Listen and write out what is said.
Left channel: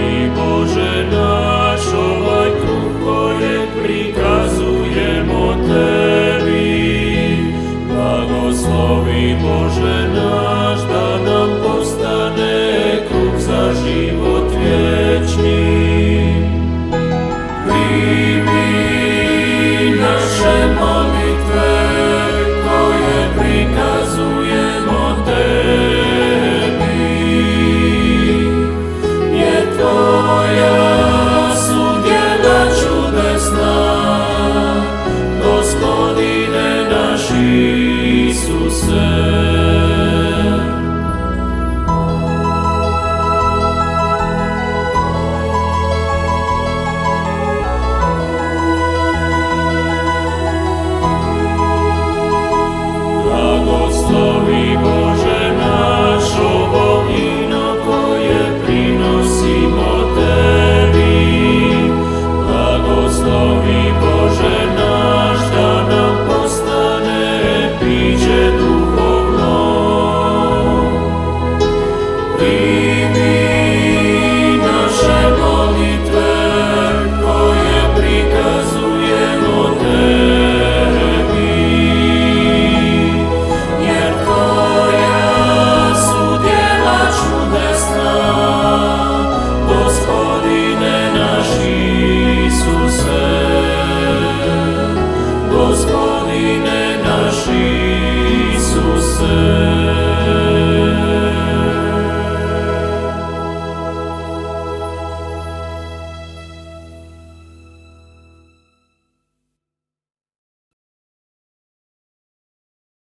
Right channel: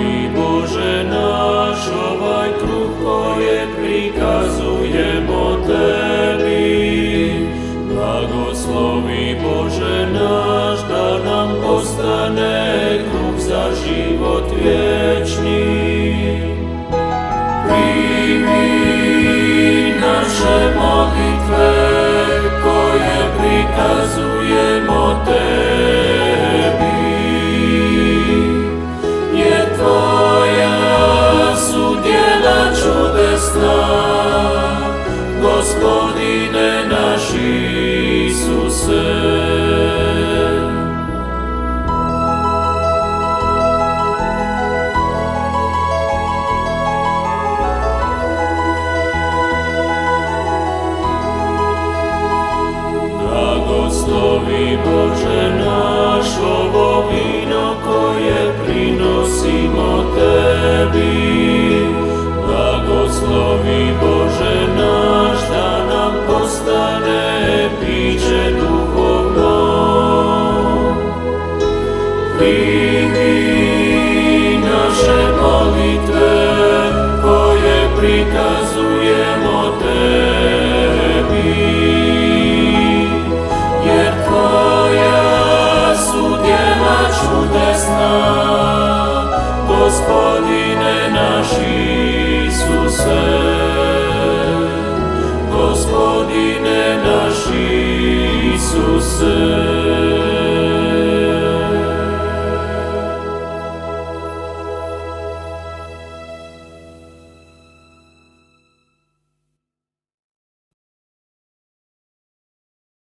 Blagoslovi Bože naš, ovaj kruh kojeg prikazujemo Tebi. Blagoslovi Bože naš, da nam postane kruh za život vječni. Primi naše molitve koje prikazujemo Tebi, jer Tvoja su djela čudesna, Gospodine naš Isuse. Blagoslovi Bože naš, ovo vino koje prinosimo Tebi. Blagoslovi Bože naš, da nam postane piće duhovno. Primi naše molitve koje prikazujemo Tebi, jer Tvoja su djela čudesna, Gospodine naš Isuse. Gospodine naš Isuse.